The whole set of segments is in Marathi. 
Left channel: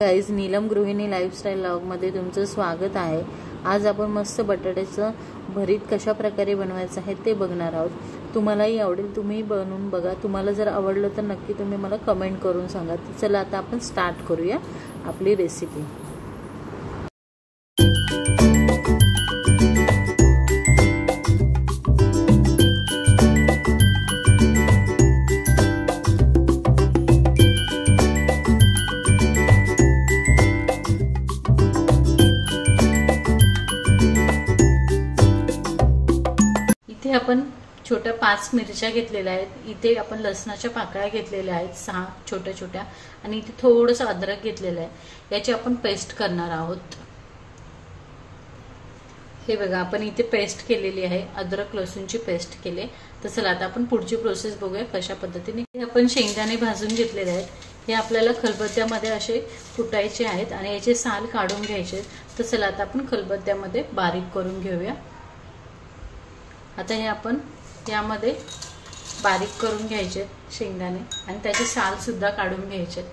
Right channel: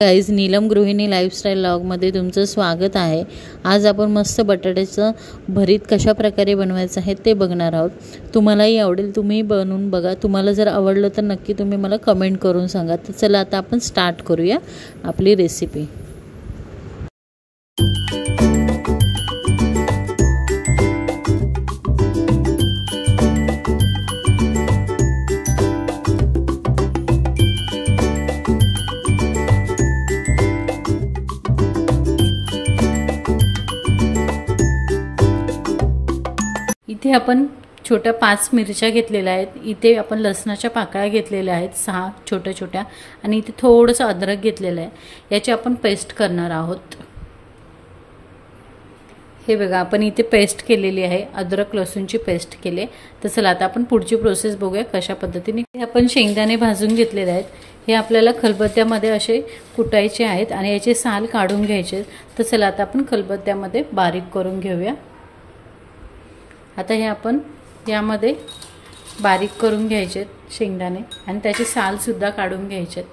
गाईज, नीलम गृहिणी लाईफस्टाईल व्लॉगमध्ये तुमचं स्वागत आहे। आज आपण मस्त बटाट्याचं भरीत कशा प्रकारे बनवायचं आहे ते बघणार आहोत। तुम्हालाही आवडेल, तुम्ही बनवून बघा। तुम्हाला जर आवडलं तर नक्की तुम्ही मला कमेंट करून सांगा। तर चला आता आपण स्टार्ट करूया आपली रेसिपी। इथे आपण छोट्या 5 मिरच्या घेतलेल्या आहेत। इथे आपण लसणाच्या पाकळ्या घेतलेल्या आहेत 6 छोट्या छोट्या, आणि इथे थोडंसं अद्रक घेतलेलं आहे। याची आपण पेस्ट करणार आहोत। हे बघा, आपण इथे पेस्ट केलेली आहे, अद्रक लसूणची पेस्ट केले। तर चला आता आपण पुढची प्रोसेस बघूया कशा पद्धतीने। आपण शेंगदाणे भाजून घेतलेले आहेत। हे आपल्याला खलबत्त्यामध्ये असे कुटायचे आहेत आणि याचे साल काढून घ्यायचे। तर चला आता आपण खलबत्त्यामध्ये बारीक करून घेऊया। आता हे आपण यामध्ये बारीक करून घ्यायचे शेंगदाणे आणि त्याचे साल सुद्धा काढून घ्यायचे।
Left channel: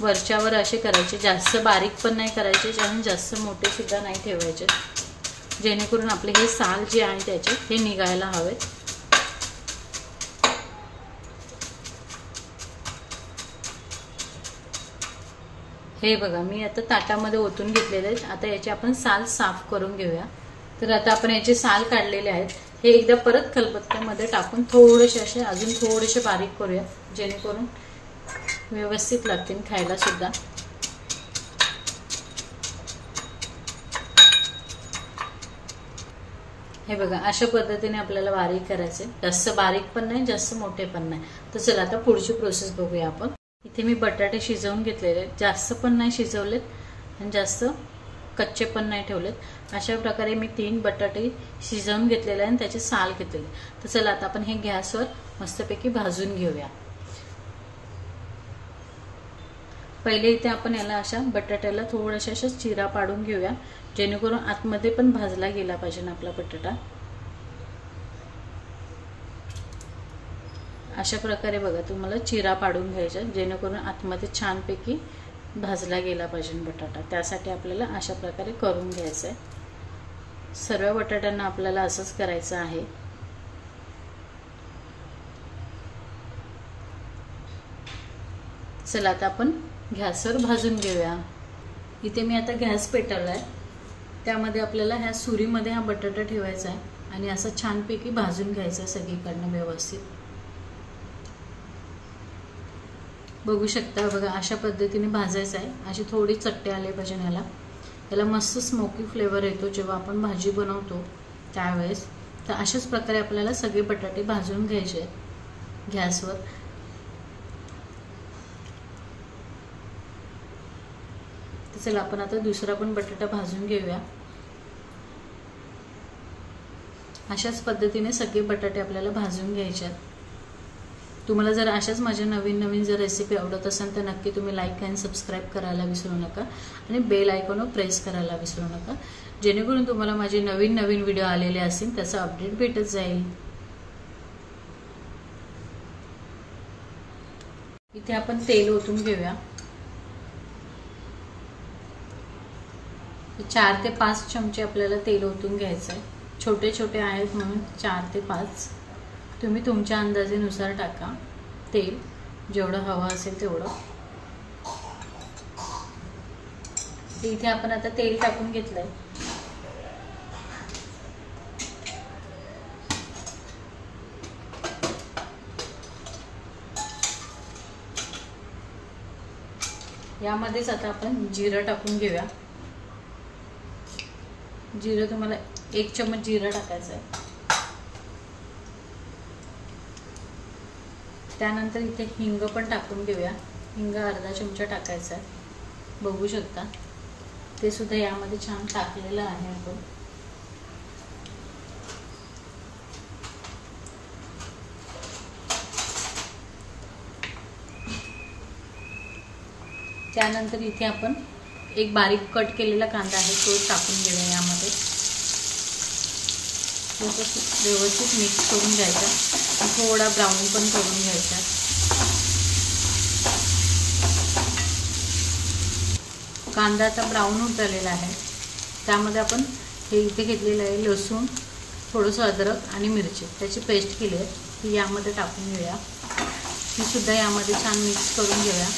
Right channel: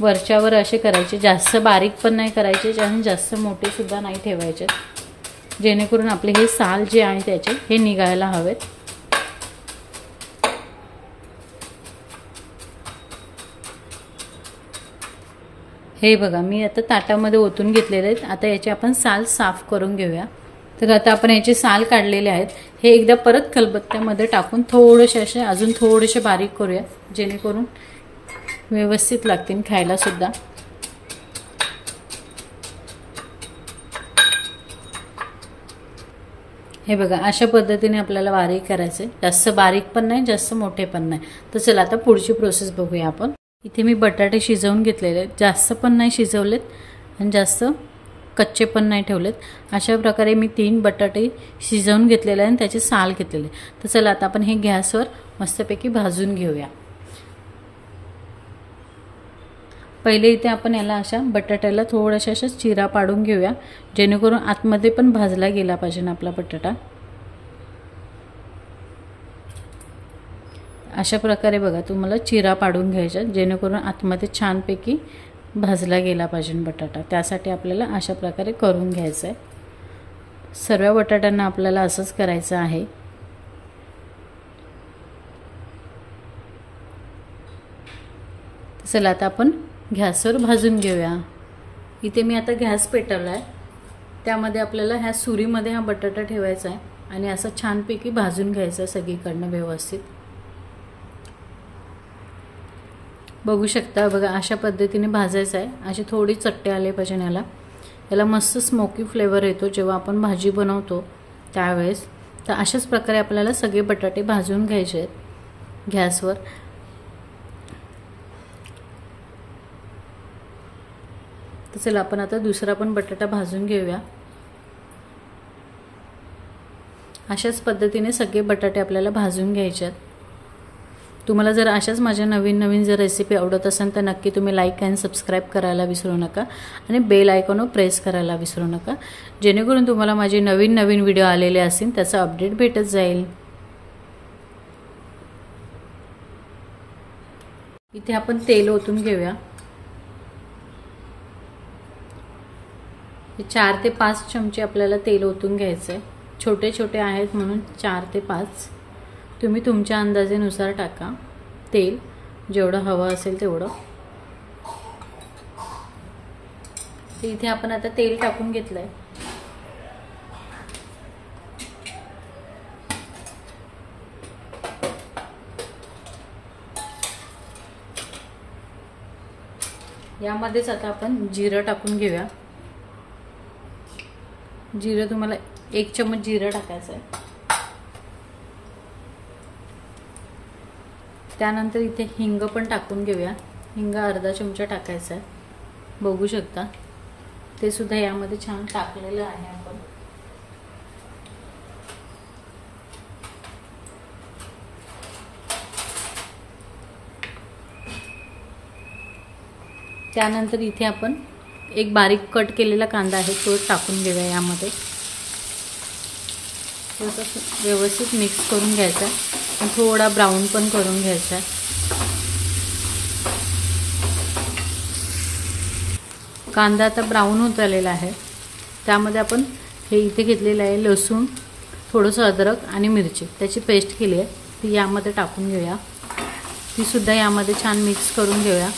वरच्यावर असे करायचे, जास्त बारीक पण नाही करायचे आणि जास्त मोठे सुद्धा नाही ठेवायचे, जेणेकरून आपले हे साल जे आहे त्याचे हे निघायला हवेत। हे बघा, मी आता ताटामध्ये ओतून घेतलेले आहेत। आता याचे आपण साल साफ करून घेऊया। तर आता आपण याचे साल काढलेले आहेत। हे एकदा परत खलबत्त्यामध्ये टाकून थोडेसे असे अजून थोडेसे बारीक करूया, जेणेकरून व्यवस्थित लागतील खायला सुद्धा। हे बघा, अशा पद्धतीने आपल्याला बारीक करायचे, जास्त बारीक पण नाही जास्त मोठे पण नाही। तर चला आता पुढची प्रोसेस बघूया आपण। इथे मी बटाटे शिजवून घेतलेले आहेत, जास्त पण नाही शिजवलेत आणि जास्त कच्चे पण नाही ठेवलेत। अशा प्रकारे मी 3 बटाटे शिजवून घेतलेले आणि त्याचे साल घेतलेले। तर चला आता आपण हे गॅसवर मस्तपैकी भाजून घेऊया। पहिले इथे आपण याला अशा बटाट्याला थोडासा अशा चिरा पाडून घेऊया, जेणेकरून आतमध्ये पण भाजला गेला पाहिजे आपला बटाटा। अशा प्रकारे बघा, तुम्हाला चिरा पाडून घ्यायचा, जेणेकरून आतमध्ये छानपैकी भाजला गेला पाहिजे बटाटा। त्यासाठी आपल्याला अशा प्रकारे करून घ्यायचं आहे। सर्व बटाट्यांना आपल्याला असंच करायचं आहे। चला आता आपण गॅसवर भाजून घेऊया। इथे मी आता गॅस पेटवला आहे, त्यामध्ये आपल्याला ह्या सुरीमध्ये हा बटाटा ठेवायचा आहे आणि असं छानपैकी भाजून घ्यायचं सगळीकडनं व्यवस्थित। बघू शकता बघा, अशा पद्धतीने भाजायचं आहे। अशी थोडी चट्टे आले पाहिजे याला मस्त स्मोकी फ्लेवर येतो जेव्हा आपण भाजी बनवतो त्यावेळेस। तर अशाच प्रकारे आपल्याला सगळे बटाटे भाजून घ्यायचे आहेत गॅसवर। तर चला आपण आता दुसरा पण बटाटा भाजून घेऊया। अशाच पद्धतीने सगळे बटाटे आपल्याला भाजून घ्यायचे आहेत। तुम्हाला जर अशाच माझ्या नवीन जर रेसिपी आवडत असेल तर नक्की तुम्ही लाईक आणि सबस्क्राईब करायला विसरू नका आणि बेल आयकॉनवर प्रेस करायला विसरू नका, जेणेकरून तुम्हाला माझे नवीन व्हिडिओ आलेले असतील त्याचा अपडेट भेटत जाईल। इथे आपण तेल ओतून घेऊया। 4 ते 5 चमचे आपल्याला तेल ओतून घ्यायचं आहे। छोटे छोटे आहेत म्हणून 4 ते 5, तुम्ही तुमच्या अंदाजानुसार टाका तेल, जेवढं हवं असेल तेवढं। इथे आपण आता तेल टाकून घेतलंय। यामध्येच आता आपण जिरं टाकून घेऊया। जिरं तुम्हाला 1 चम्मच जिरं टाकायचं आहे। त्यानंतर इथे हिंग पण टाकून घेऊया। हिंग अर्धा चमचा टाकायचा आहे, बघू शकता ते सुद्धा यामध्ये छान टाकलेलं आहे आपण। त्यानंतर इथे आपण एक बारीक कट केलेला कांदा आहे तो टाकून घेऊया यामध्ये। थोडंसं व्यवस्थित मिक्स करून घ्यायचा आणि थोडा ब्राऊन पण करून घ्यायचा. कांदा आता ब्राऊन होत आलेला आहे. त्यामध्ये आपण हे इथे घेतलेलं आहे लसूण, थोडंसं अद्रक आणि मिरची, त्याची पेस्ट केली आहे ती यामध्ये टाकून घेऊया. ती सुद्धा यामध्ये छान मिक्स करून घेऊया.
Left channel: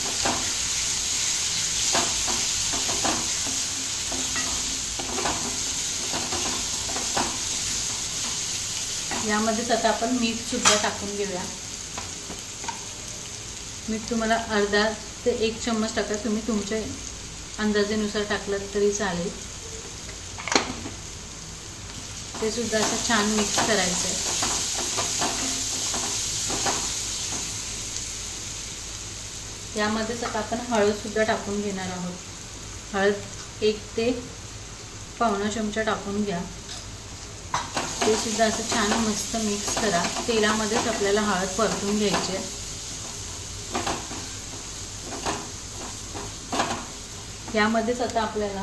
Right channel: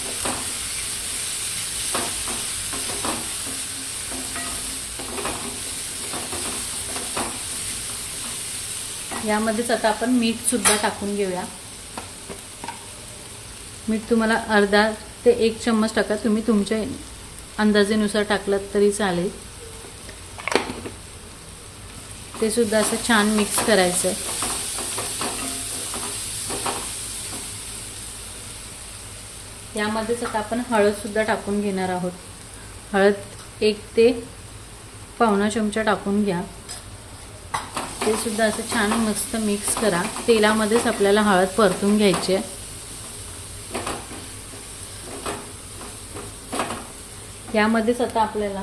यामध्येच आता आपण मीठ सुद्धा टाकून घेऊया. मीठ तुम्हाला अर्धा ते 1 चम्मच टाका, तुम्ही तुमच्या अंदाजेनुसार टाकलात तरी चालेल. ते सुद्धा असं छान मिक्स करायचं आहे. यामध्येच आता आपण हळद सुद्धा टाकून घेणार आहोत. हळद 1 ते पावणा चमचा टाकून घ्या. ते सुद्धा असं छान मस्त मिक्स करा. तेलामध्येच आपल्याला हळद परतून घ्यायची आहे. यामध्येच आता आपल्याला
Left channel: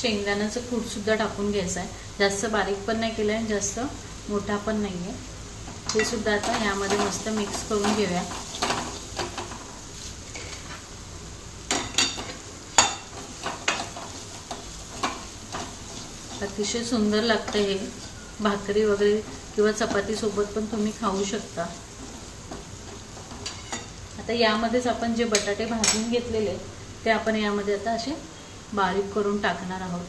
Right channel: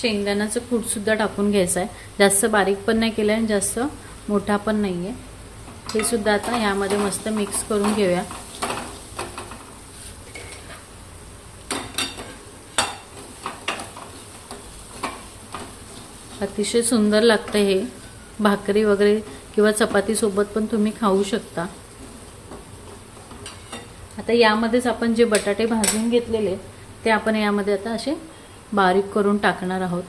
शेंगदाण्याचं कूट सुद्धा टाकून घ्यायचं आहे. जास्त बारीक पण नाही केलं आहे, जास्त मोठा पण नाही आहे. हे सुद्धा आता यामध्ये मस्त मिक्स करून घेऊया. अतिशय सुंदर लागतं हे. भाकरी वगैरे किंवा चपाती सोबत पण तुम्ही खाऊ शकता. आता यामध्येच आपण जे बटाटे भाजून घेतलेले ते आपण यामध्ये आता असे बारीक करून टाकणार आहोत.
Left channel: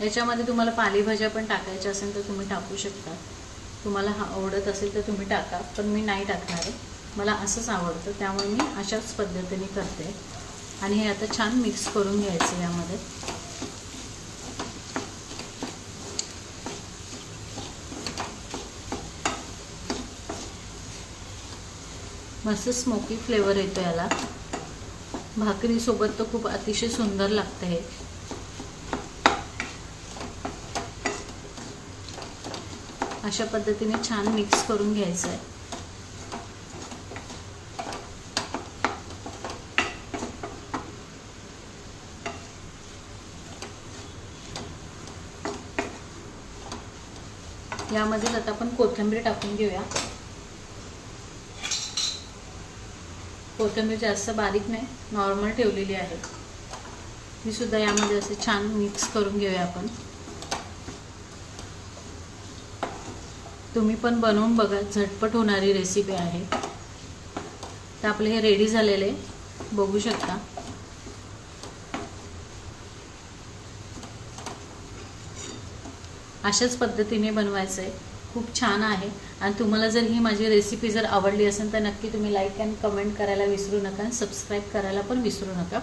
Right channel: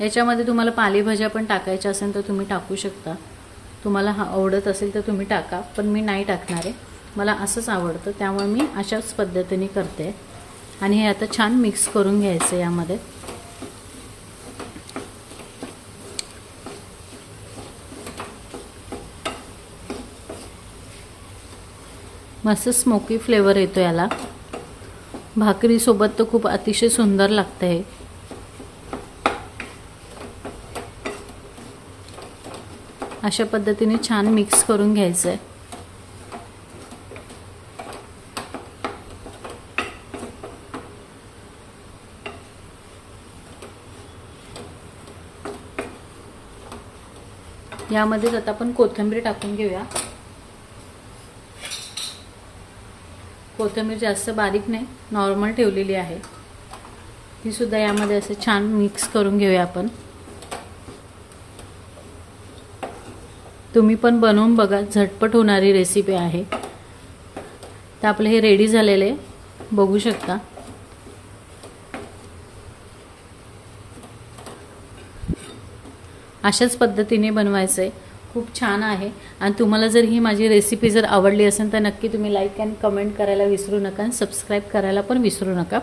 याच्यामध्ये तुम्हाला पालेभाज्या पण टाकायच्या असेल तर तुम्ही टाकू शकता. तुम्हाला आवडत असेल तर तुम्ही टाका, पण मी नाही टाकणार आहे. मला असंच आवडतं, त्यामुळे मी अशाच पद्धतीने करते. आणि हे आता छान मिक्स करून घ्यायचं यामध्ये. मस्त स्मोकी फ्लेवर येतो याला. भाकरी सोबत तर खूप अतिशय सुंदर लागतं हे. अशा पद्धतीने छान मिक्स करून घ्यायचं आहे. यामध्ये आता आपण कोथिंबीर टाकून घेऊया. कोथिंबीर जास्त बारीक नाही, नॉर्मल ठेवलेली आहे. ही सुद्धा यामध्ये असं छान मिक्स करून घेऊया आपण. तुम्ही पण बनवून बघा, झटपट होणारी रेसिपी आहे. तर आपले हे रेडी झालेले बघू शकता. अशाच पद्धतीने बनवायचं आहे. खूप छान आहे. आणि तुम्हाला जर ही माझी रेसिपी जर आवडली असेल तर नक्की तुम्ही लाईक आणि कमेंट करायला विसरू नका. आणि सबस्क्राईब करायला पण विसरू नका.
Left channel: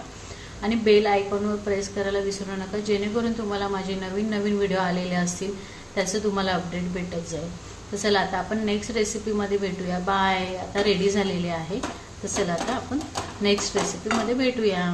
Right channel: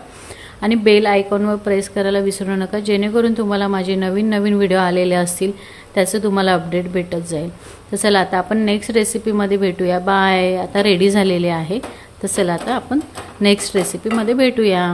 आणि बेल आयकॉनवर प्रेस करायला विसरू नका, जेणेकरून तुम्हाला माझे नवीन व्हिडिओ आलेले असतील त्याचं तुम्हाला अपडेट भेटत जाईल. तर चला आता आपण नेक्स्ट रेसिपीमध्ये भेटूया. बाय. आता रेडी झालेले आहे. तर चला आता आपण नेक्स्ट रेसिपीमध्ये भेटूया.